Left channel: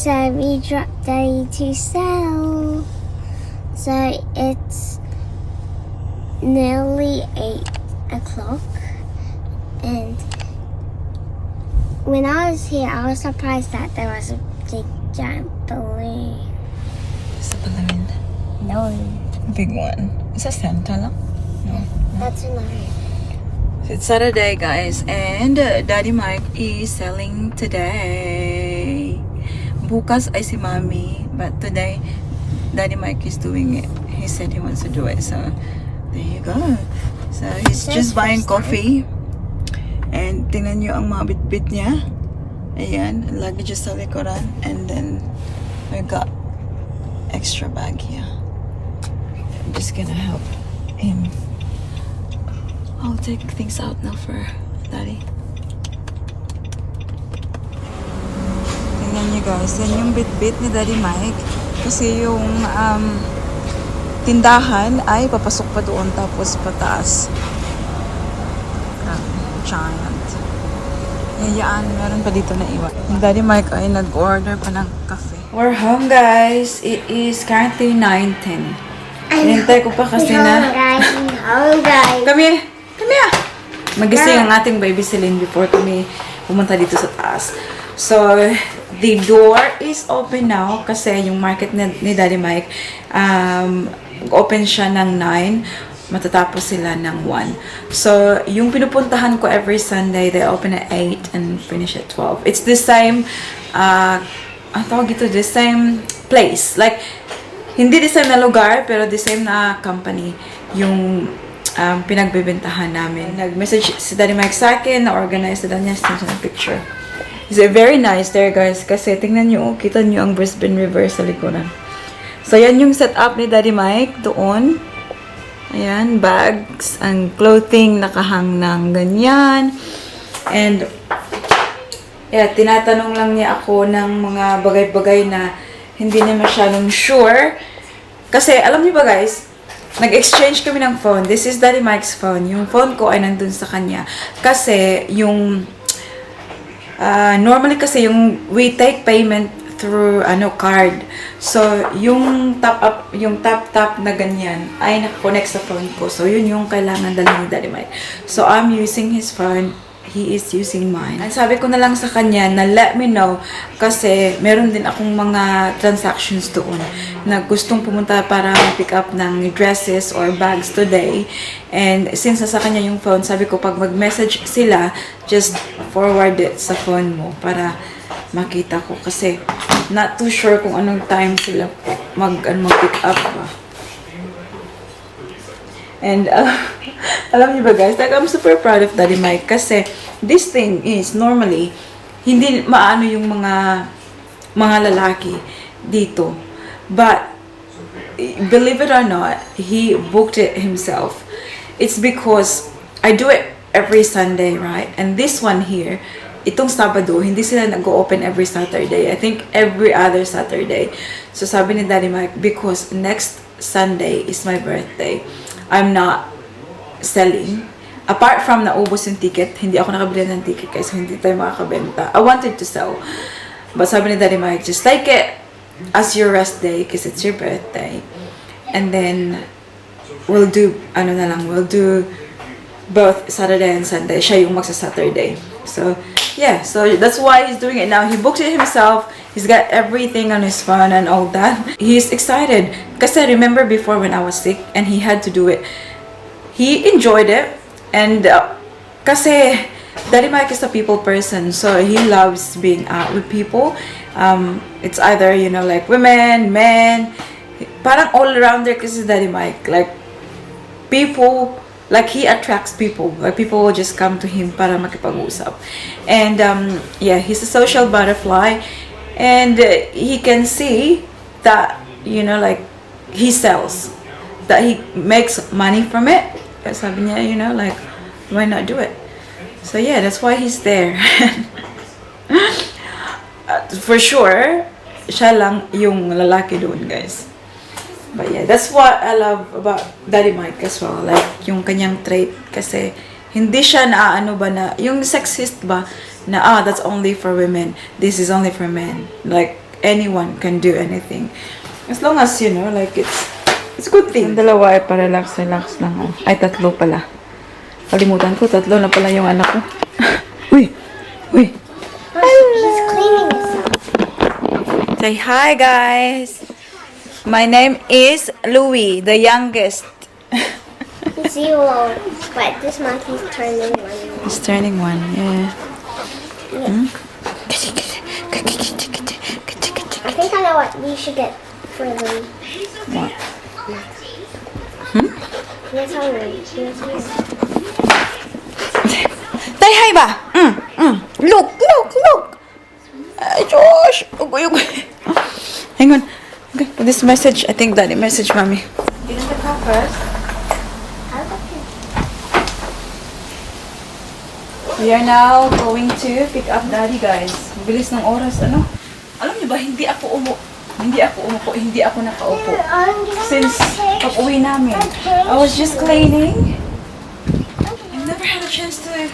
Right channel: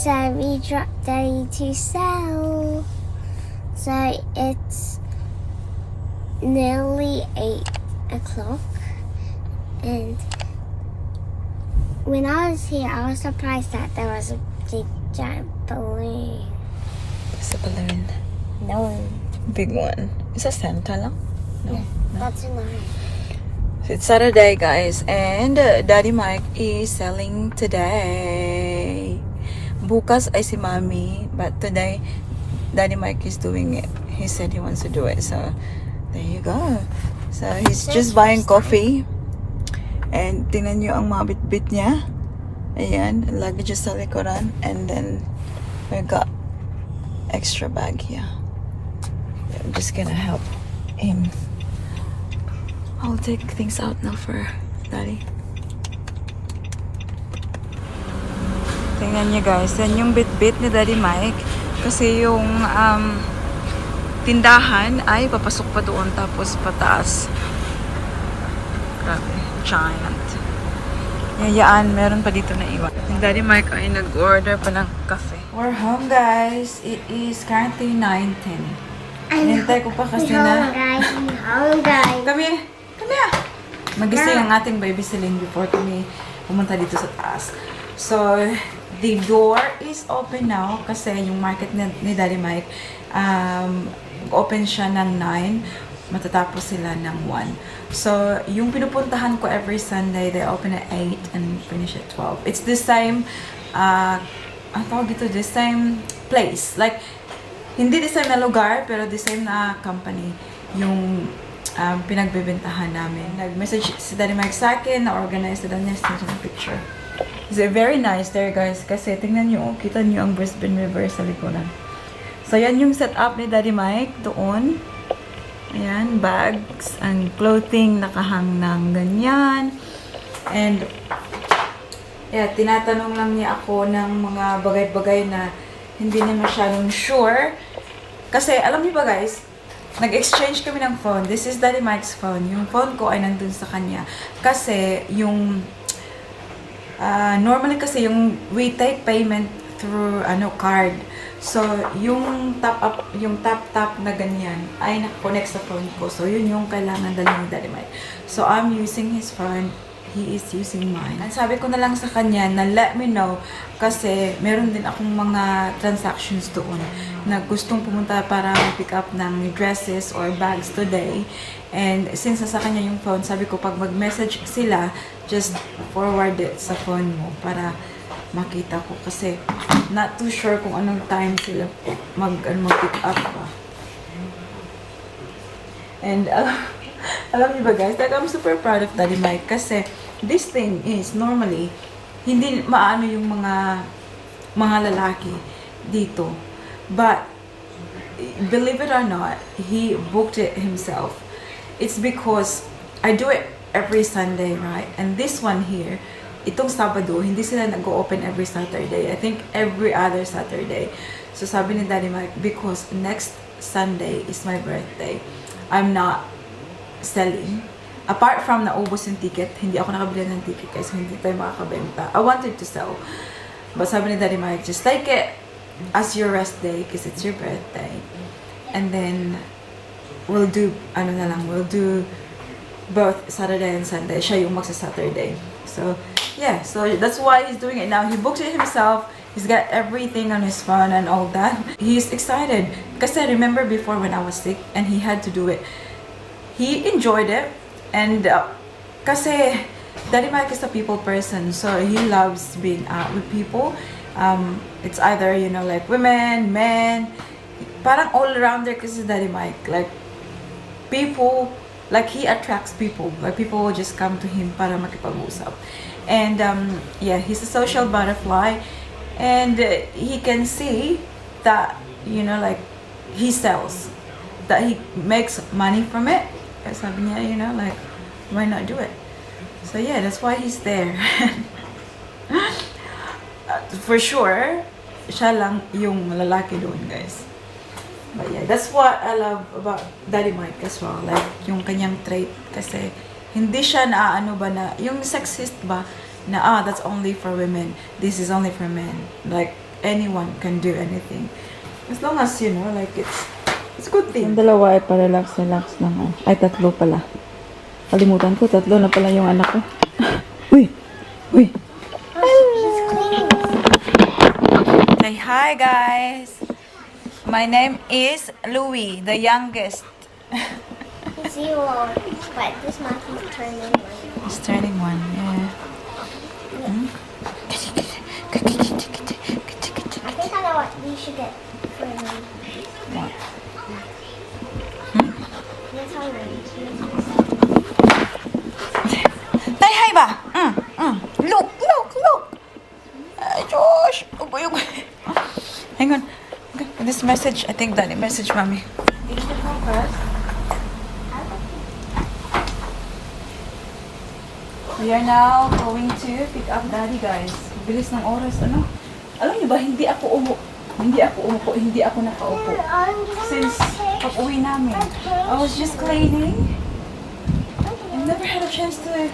So we dropped Daddy to sell. So it's nearly 8 o'clock. And when I was here, I was surprised that there was a big giant balloon. Sa balloon. No. Big one. Is a Santa lang? No. That's mine. It's Saturday, guys, and Daddy Mike is selling today. Bukas ay si Mommy, but today Daddy Mike is doing it. He said he wants to do it, so there you go. So he's just buying coffee. And tingnan nyo ang mga bit-bit niya. Ayan, lagi dyan sa likuran. And then we've got extra bag here. I'm just gonna help him. I'll take things out now for Daddy. Tingnan niyo guys, yan yung bit-bit ni Daddy Mike. Kasi yung tindahan ay papasok pa doon tapos pataas. Grabe, giant. Yayaan, meron pa dito na iwan. Yung Daddy Mike ay nag-order pa ng cafe. We're home guys. It is currently 9:10. Hinintay ko pa kasi na... Come here! Come here! Magising ang ating baby Celine before kami pumunta dito sa taas. So, the door is open now kasi yung market ni Daddy Mike, open siya ng 9, matatapos sila ng 1. So, yung pinupuntahan ko every Sunday, they open at 8 and finish at 12. It's the same, ang tawag ito, the same place. Like, hindi the same na lugar, pero the same na company yung pinagbibentahan namin. Nag-message si Daddy Mike sa akin, na-organize na niya sa picture. It's very nice there guys, kasi tingnan nyo, kita nyo ang Brisbane River sa likuran. So yan yung setup ni Daddy Mike doon. Ayan, bags, ang clothing nakahang ng ganyan. And yeah, tinatanong lang niya ako ng mga bagay-bagay na hindi niya masyadong sure. Kasi alam niyo ba guys, nag-exchange kami ng phone. This is Daddy Mike's phone. Yung phone ko ay nandun sa kanya. Kasi yung normally kasi yung we take payment through card. So yung tap na ganyan ay naka-connect sa phone ko. So yun yung kailangan dalhin ni Daddy Mike. So I'm using his phone. He is using mine. Ang sabi ko na lang sa kanya na let me know kasi meron din akong mga transactions doon na gustong pumunta para pick up ng dresses or bags today. And since sa kanya yung phone, sabi ko pag mag-message sila, just forward it sa phone mo para makita ko kasi not too sure kung anong time sila mag-pick up ba. And alam niyo ba guys, like I'm super proud of Daddy Mike kasi this thing is normally hindi maano yung mga lalaki dito. But believe it or not, he booked it himself. It's because I do it every Sunday, right? And this one here, itong Sabado, hindi sila nag-open every Saturday. I think every other Saturday. So sabi ni Daddy Mike, because next Sunday is my birthday, I'm not selling. Apart from naubos yung ticket, hindi ako nakabili ng ticket kasi hindi tayo makakabenta. I wanted to sell. But sabi ni Daddy Mike, just take it as your rest day because it's your birthday. And then, we'll do, we'll do both Saturday and Sunday. Siya yung magsa-Saturday. So, yeah. So, that's why he's doing it now. He booked it himself. He's got everything on his phone and all that. He's excited. Kasi remember before when I was sick and he had to do it, he enjoyed it. And kasi Daddy Mike is a people person, so he loves being out with people. It's either like women, men, parang all around there kasi Daddy Mike, like people, like he attracts people. Like people will just come to him para makipag-usap. And yeah, he's a social butterfly, and he can see that like he sells, that he makes money from it. Sabi niya, like, why not do it? So yeah, that's why he's there. For sure, siya lang yung lalaki doon, guys. But yeah, that's what I love about Daddy Mike as well. Like, yung kanyang trait. Kasi, hindi siya naaano ba na, yung sexist ba, na, that's only for women. This is only for men. Like, anyone can do anything. As long as, you know, like it's a good thing. Ang dalawa ay pa-relax lang. Oh. Ay, tatlo pala. Kalimutan ko, tatlo na pala yung anak ko. Uy! He's cleaning himself. Say hi, guys. My name is Louis, the youngest. He's 0, but this month he's turning 1. He's turning 1, yeah. Hmm? I think I know what we should get for them. What? Here's how we Say hi ba? Look. Ay, Josh. Ugoy. Hang on. Okay, this message. I think Daddy message mommy. Get the cup first. We are now going to pick up Daddy, guys. Bilis ng oras, ano? Alam niyo ba, hindi ako nakaupo. Since pag-uwi namin. I was just cleaning. I never had a chance to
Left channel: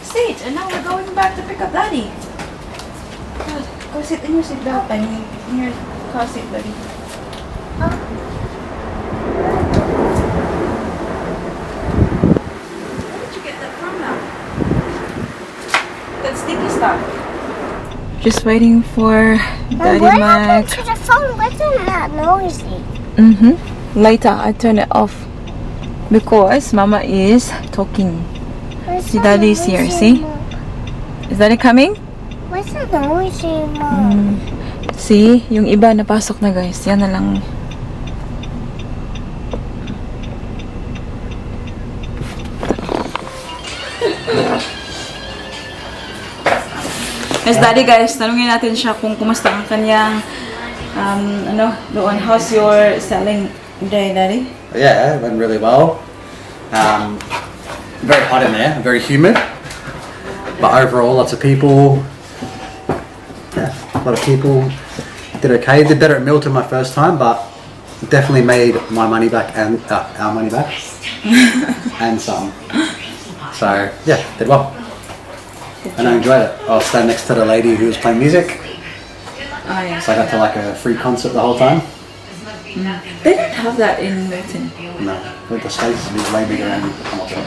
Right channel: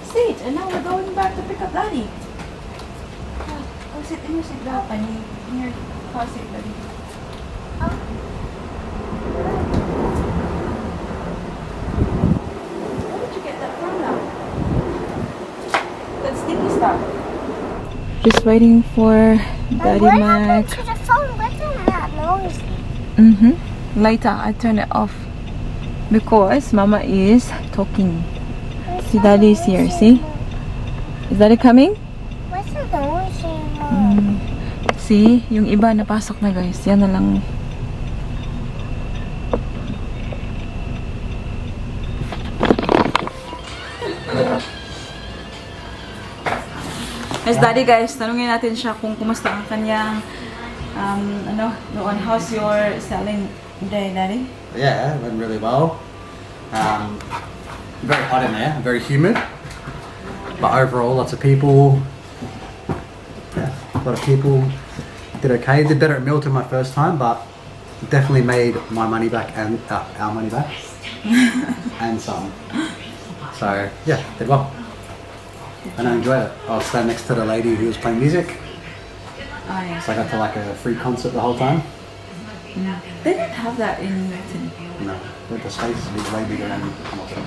sit. And now we're going back to pick up Daddy. God, go sit in your seatbelt. I mean, in your car seat, Daddy. Where did you get that from now? That sticky stuff. Just waiting for Daddy Mac. To the phone, what's that noisy? Later, I turn it off. Because Mama is talking. See, Daddy is here, see? Is Daddy coming? What's that noisy, Mom? See? Yung iba napasok na, guys. Yan na lang. Yes, Daddy, guys, tanungin natin siya kung kumusta ang kanyang doon. How's your selling day, Daddy? Yeah, it went really well. Very hot in there, very humid. But overall, lots of people. Yeah, a lot of people did okay. Did better at Milton my first time, but definitely made my money back and our money back and some. So yeah, did well. And I enjoyed it. I was standing next to the lady who was playing music, Oh, yes. so I got to like a free concert the whole time. They don't have that in Milton. No, with the States is way bigger and I'm not sure.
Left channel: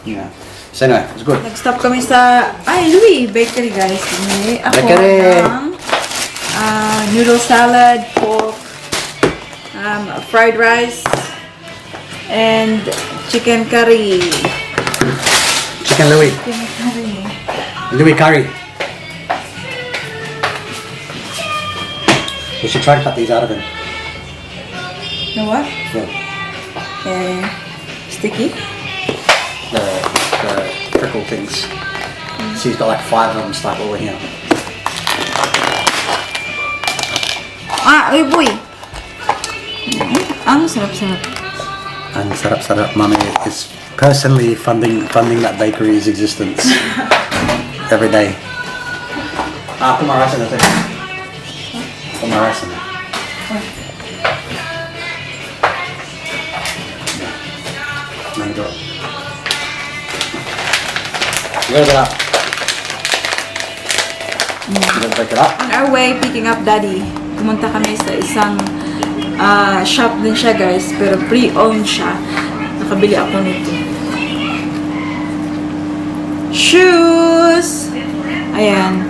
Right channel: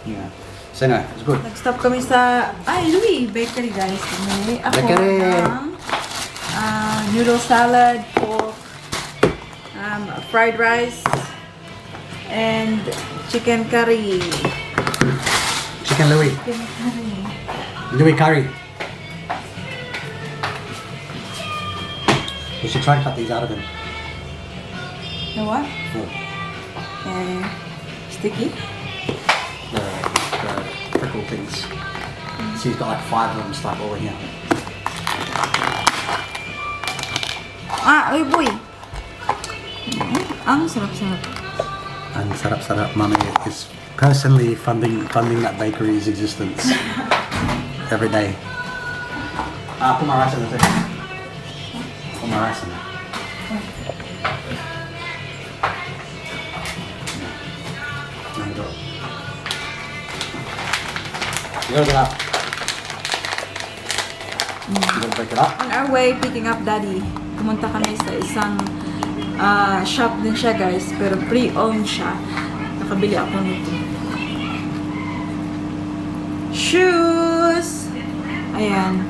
Yeah. So no, it was good. Nag-stop kami sa, Louis Bakery, guys. Bumili ako Bakery. ng noodle salad, pork, fried rice, and chicken curry. Chicken Louis. Louis curry. We should try to cut these out of him. You know what? The, Sticky. the prickle things. So he's got like 5 of them stuck all in here. Boy. Ang sarap-sarap. And Sarap Mummy is personally funding that bakery's existence every day. Put my rice in it. Put my rice in it. Then go. You gotta get up. You gotta break it up. On our way, picking up Daddy, pumunta kami sa isang shop din siya, guys, pero pre-owned siya. Nakabili ako nito. Shoes! Ayan.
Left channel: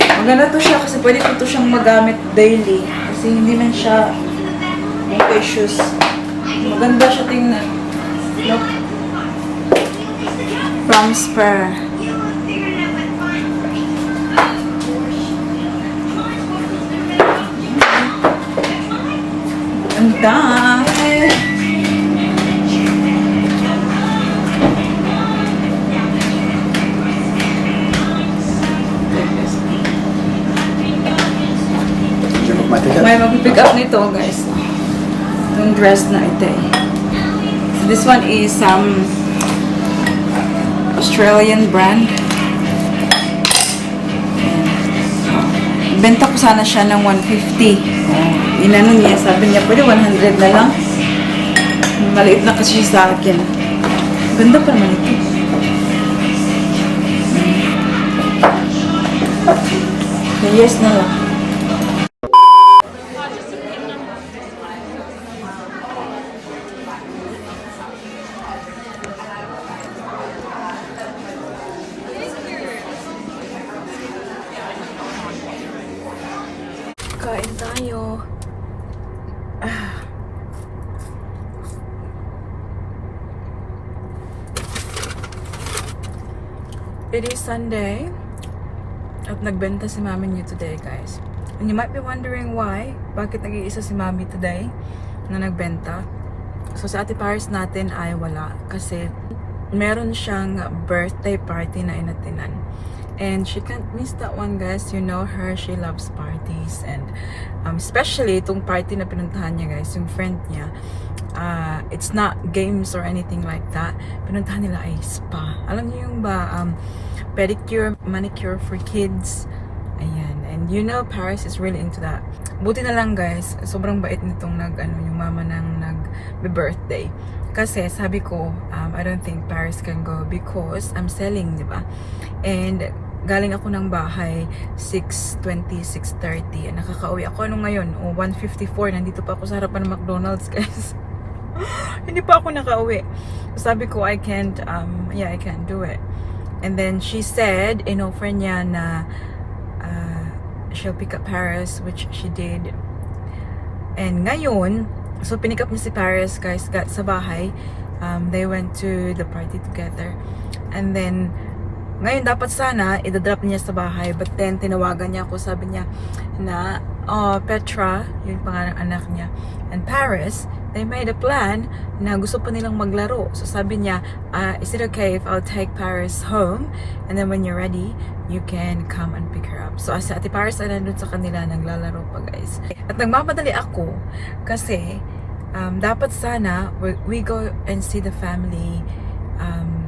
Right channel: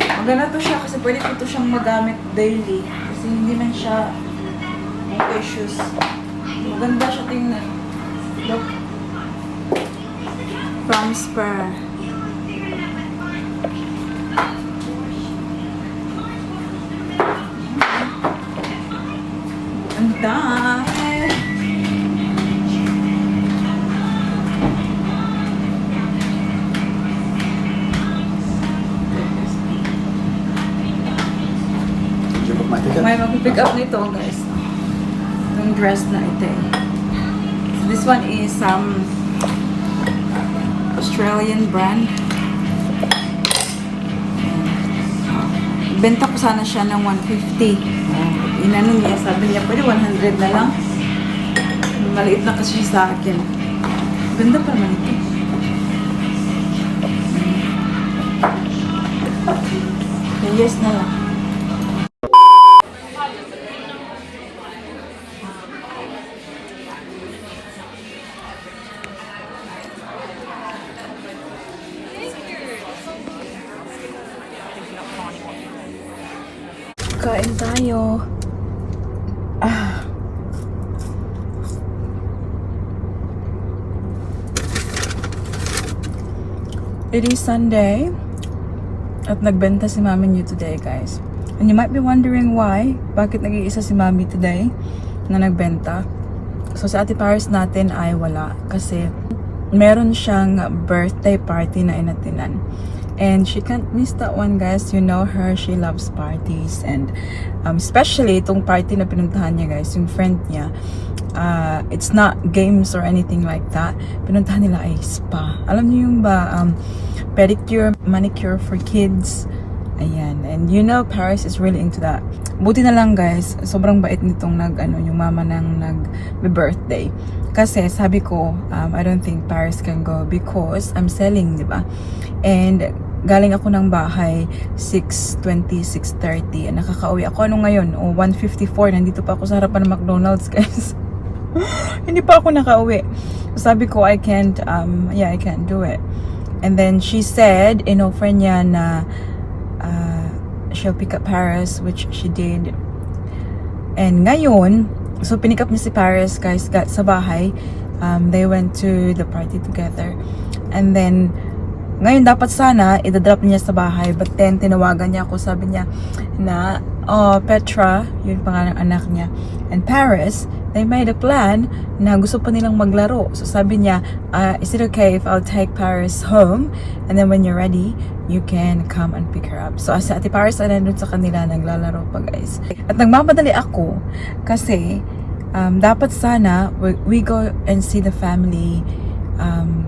Maganda to siya kasi pwede ko to siyang magamit daily. Kasi hindi man siya okay shoes. Maganda siya tingnan. Look. From Spur. Ang dami. Did you book my ticket? May mag-pick up nito, guys. Yung dress na ito eh. This one is Australian brand. Benta ko sana siya ng 150. Inano niya, sabi niya, pwede 100 na lang. Maliit na kasi sa akin. Ganda pa naman ito. Yes na lang. Kain tayo. It is Sunday at nagbenta si mami niyo today, guys. And you might be wondering why, bakit nag-iisa si mami today na nagbenta. So sa Ate Paris natin ay wala kasi meron siyang birthday party na inatinan. And she can't miss that one, guys. You know her, she loves parties. And especially itong party na pinuntahan niya, guys, yung friend niya. It's not games or anything like that. Pinuntahan nila ay spa. Alam niyo yung ba, pedicure, manicure for kids. Ayan. And you know, Paris is really into that. Buti na lang, guys, sobrang bait nitong yung mama ng nag-birthday. Kasi sabi ko, I don't think Paris can go because I'm selling, di ba? And galing ako ng bahay 6:20, 6:30. Nakakauwi ako ngayon? 1:54. Nandito pa ako sa harapan ng McDonald's, guys. Hindi pa ako nakauwi. Sabi ko, I can't do it. And then she said, in-offer niya na she'll pick up Paris, which she did. And ngayon, so pinick up niya si Paris, guys, sa bahay. They went to the party together. And then ngayon dapat sana idadrop niya sa bahay, but then tinawagan niya ako, sabi niya na Petra, yun pangalan ng anak niya, and Paris, they made a plan na gusto pa nilang maglaro. So sabi niya, is it okay if I'll take Paris home and then when you're ready you can come and pick her up. So si Ate Paris ay nandun sa kanila naglalaro pa, guys. At nagmamadali ako kasi dapat sana we go and see the family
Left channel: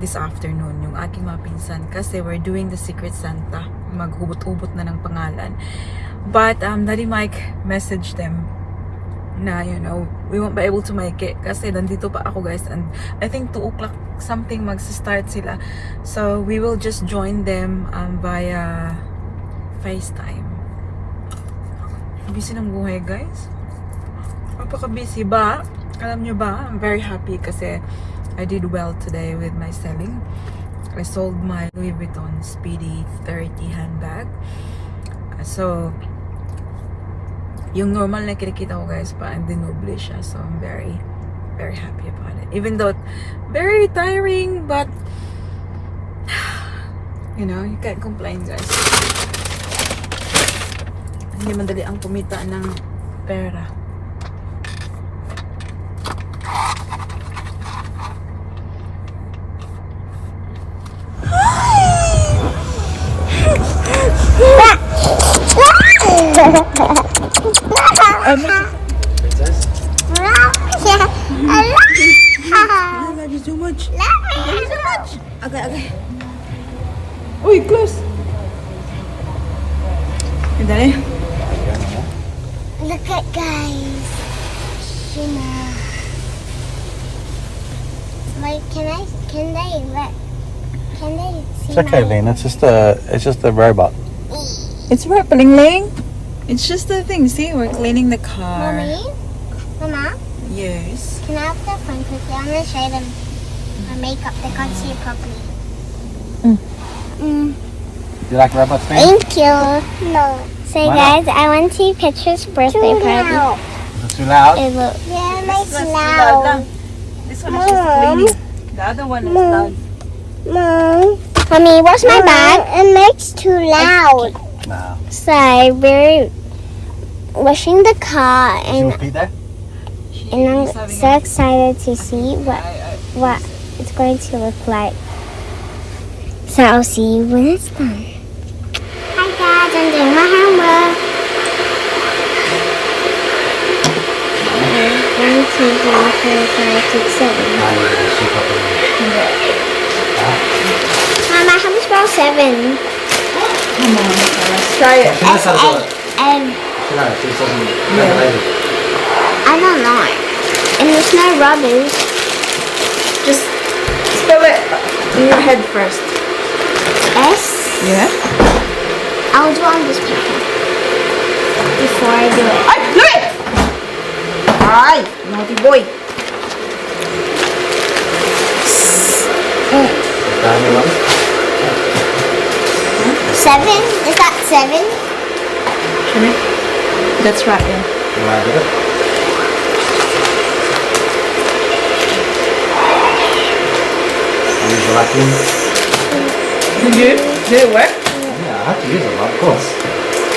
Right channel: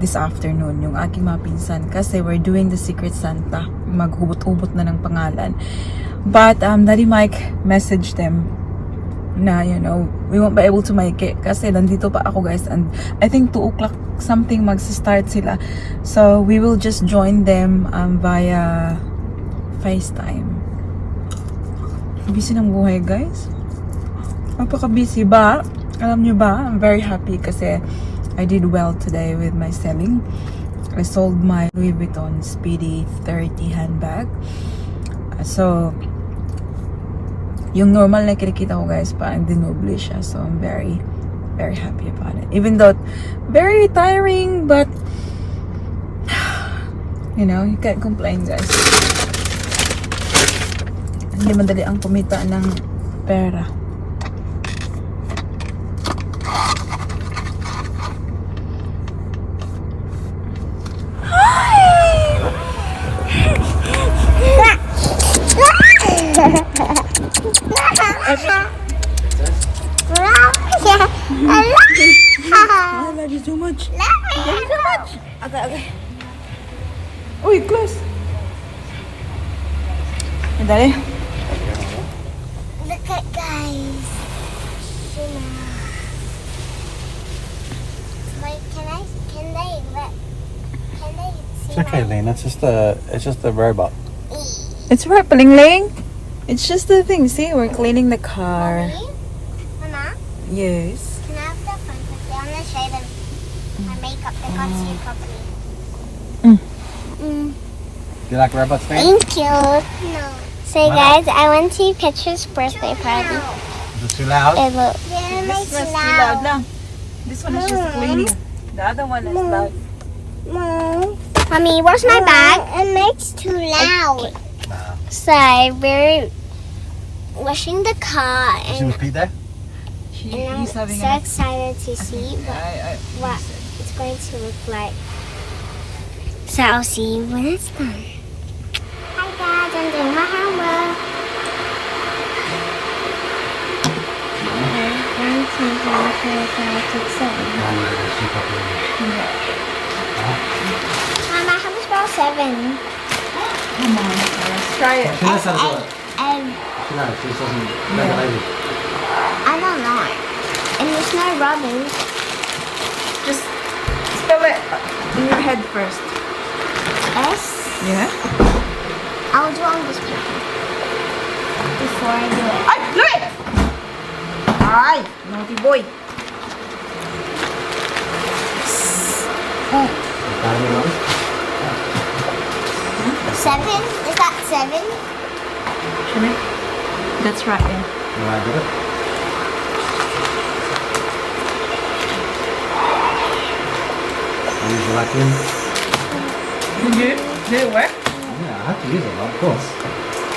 this afternoon, yung aking mga pinsan, kasi we're doing the Secret Santa, maghubot-ubot na ng pangalan. But Daddy Mike messaged them na, you know, we won't be able to make it kasi nandito pa ako, guys, and I think 2 o'clock something magsa-start sila, so we will just join them via FaceTime. Busy ng buhay, guys, napaka-busy ba? Alam nyo ba, I'm very happy kasi I did well today with my selling. I sold my Louis Vuitton Speedy 30 handbag. So, yung normal na kinikita ko, guys, parang dinoble siya. So, I'm very, very happy about it. Even though, very tiring, but, you know, you can't complain, guys. Hindi madali ang kumita ng pera. I love you so much. Okay. Uy, close. Hey, Daddy. Look at, guys. Wait, can they see? It's okay, my- Lynn. It's just a robot. It's for Ling Ling. It's just the thing. See, we're cleaning the car. Mommy? Mama? Yes. Can I have the phone quickly? I'm gonna show them my makeup. They can't see it properly. Do you like robots, Lynn? Thank you. No. So guys, I went to Petra's birthday party. Is it too loud? It will. Yeah, it's loud. This one is just cleaning. The other one is loud. Mom. Mommy, where's my bag? It makes too loud. No. So we're washing the car Did you and repeat that? I'm so excited to see what it's going to look like. So I'll see you when it's done. Hi guys, I'm doing my homework. 1, 2, 3, 4, 5, 6, 7. Mama, how much about 7? Come on, try it. And No, it doesn't. I don't know. And there's no rubbish. Just spell it in your head first. S. Yeah. I'll do on this paper. Ay, Louie! Ay, naughty boy. Dami lang. 7? Is that 7? That's right, yeah. Right, did it? I use the vacuum. Did it work? Yeah, I have to use it, of course.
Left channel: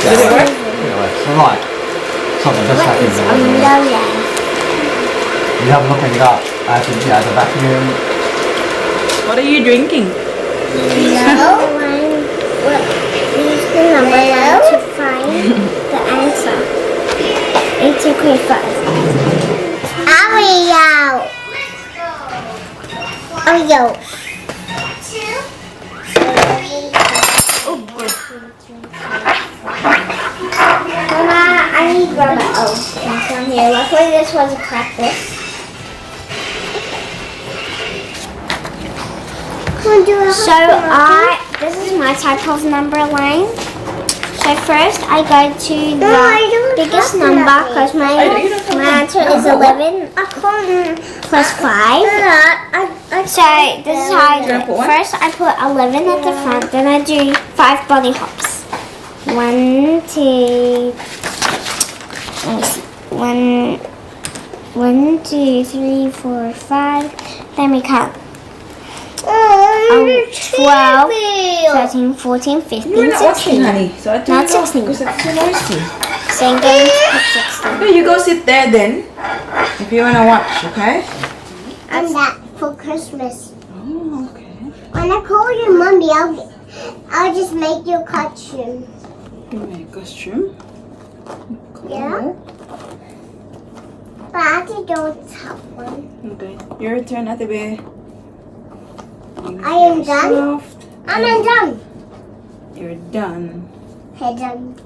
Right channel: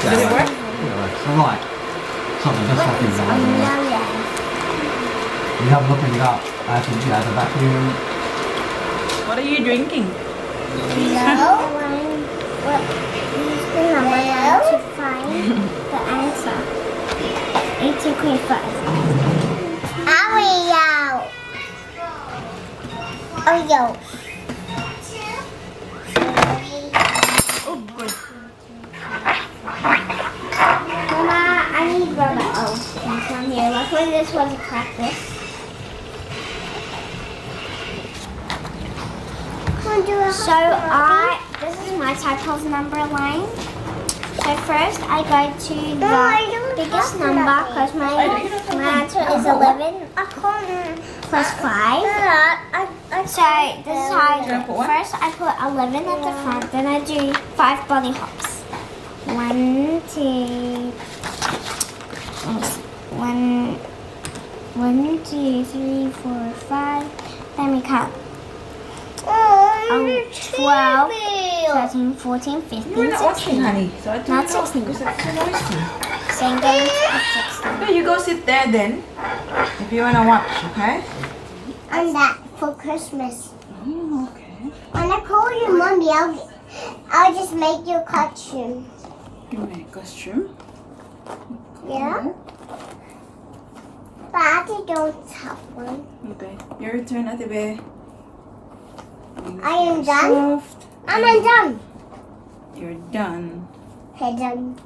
Yeah, well, anyway, it's alright. It's not the best vacuum in the world. Lola. You have a look and up. I have to, yeah, the vacuum. What are you drinking? No. Use the number to find the answer. It's okay first. Oreo. Oreo. Mama, I need rubber. Oh, it's on here. Luckily, this was a practice. So this is my type of number line. So first I go to the biggest number because my answer is 11 plus 5. So this is how I do it. First I put 11 at the front, then I do 5 body hops. 1, 2, let me see. 1, 2, 3, 4, 5. Let me count. 12, 13, 14, 15, 16. Honey. So I told Not you 16. because it's too noisy. So I'm going to put 16. Okay, you go sit there then. If you wanna watch, okay? And that for Christmas. Oh, okay. When I call you mommy, I'll just make you a costume. Give me a costume. Yeah? But I have to do the top one. Okay. Your turn, Ate Be. I am done. Soft. I'm done. You're done. Hey, done.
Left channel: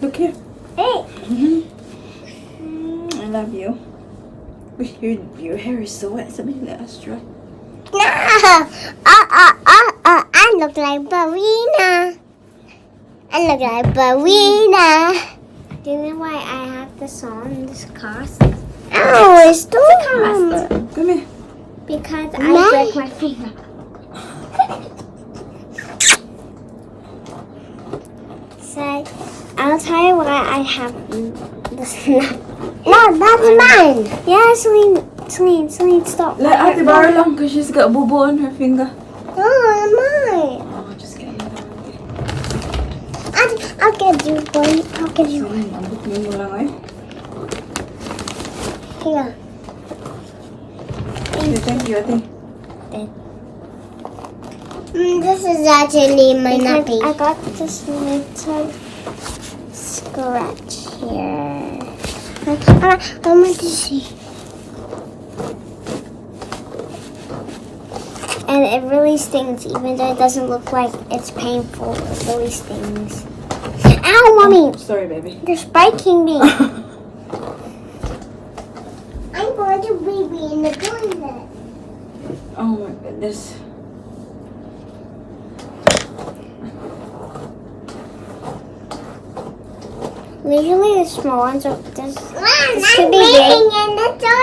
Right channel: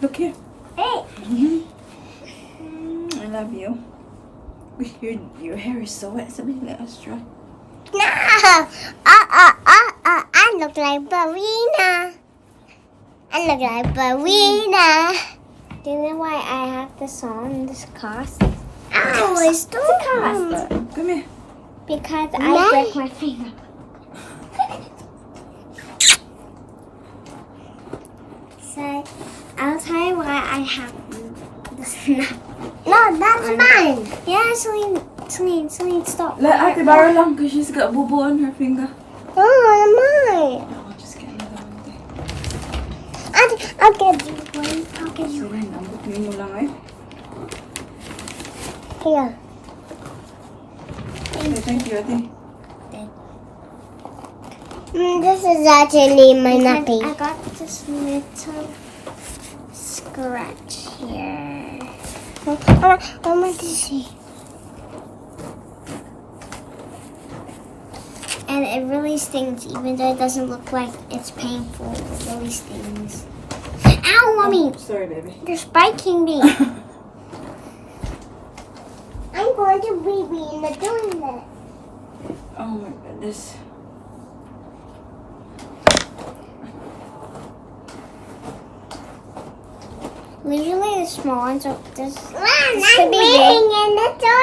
Look here. Hey. I love you. Your hair is so wet. Somebody let us try. I look like Barina. I look like Barina. Do you know why I have this on, this cast? Oh, it's too Come here. because I broke my finger. So, I'll tell you why I have this. No, that's mine. Yeah, Celine, stop. Let Ate borrow lang because she's got boo-boo on her finger. No, mine. Oh, just get another one. I'll get you one. I'll get you one. Ambot mo lang eh. Here. Okay, thank you, Ate. This is actually my nappy. I got this little scratch here. I want to see. And it really stings, even though it doesn't look like it's painful. It really stings. Ow, mommy! Sorry, baby. You're spiking me. I'm going to be in the toilet. Oh my goodness. Usually the small ones are this could be big.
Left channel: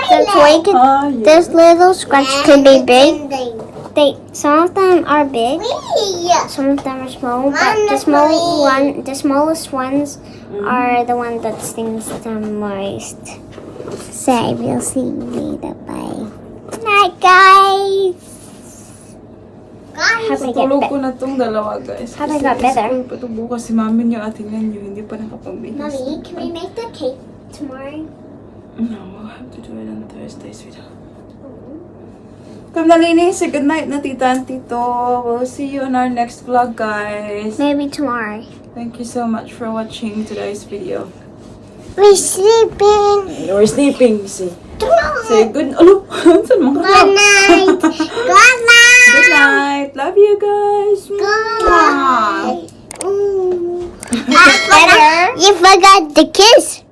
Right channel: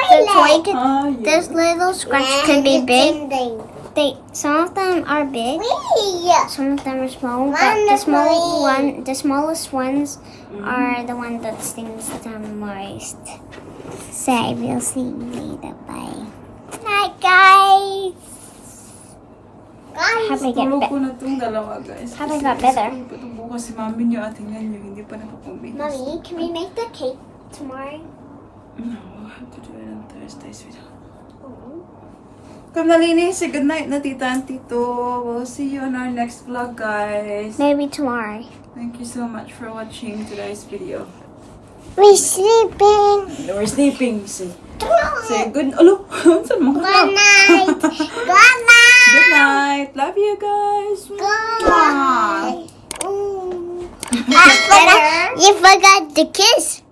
The toy could, Oh, yeah. this little scratch could be big. Some of them are big, some of them are small, but the smallest ones are the ones that stings the most. So we'll see you later. Bye. Good night, guys. Hope I get Tulog better. ko na tong dalawa, guys. How I got better? Kasi pa ito bukas si mami niya at tingnan niyo, hindi pa nakapag-bake. Mommy, can we make the cake tomorrow? No, we'll have to do it on Thursday, sweetheart. Come na, Lini. Say goodnight na, tita and tito. We'll see you in our next vlog, guys. Maybe tomorrow. Thank you so much for watching today's video. We're sleeping. We're sleeping. Say good. Alo, saan mga Good night. Good night. Good night. Love you guys. Good night. You forgot the kiss.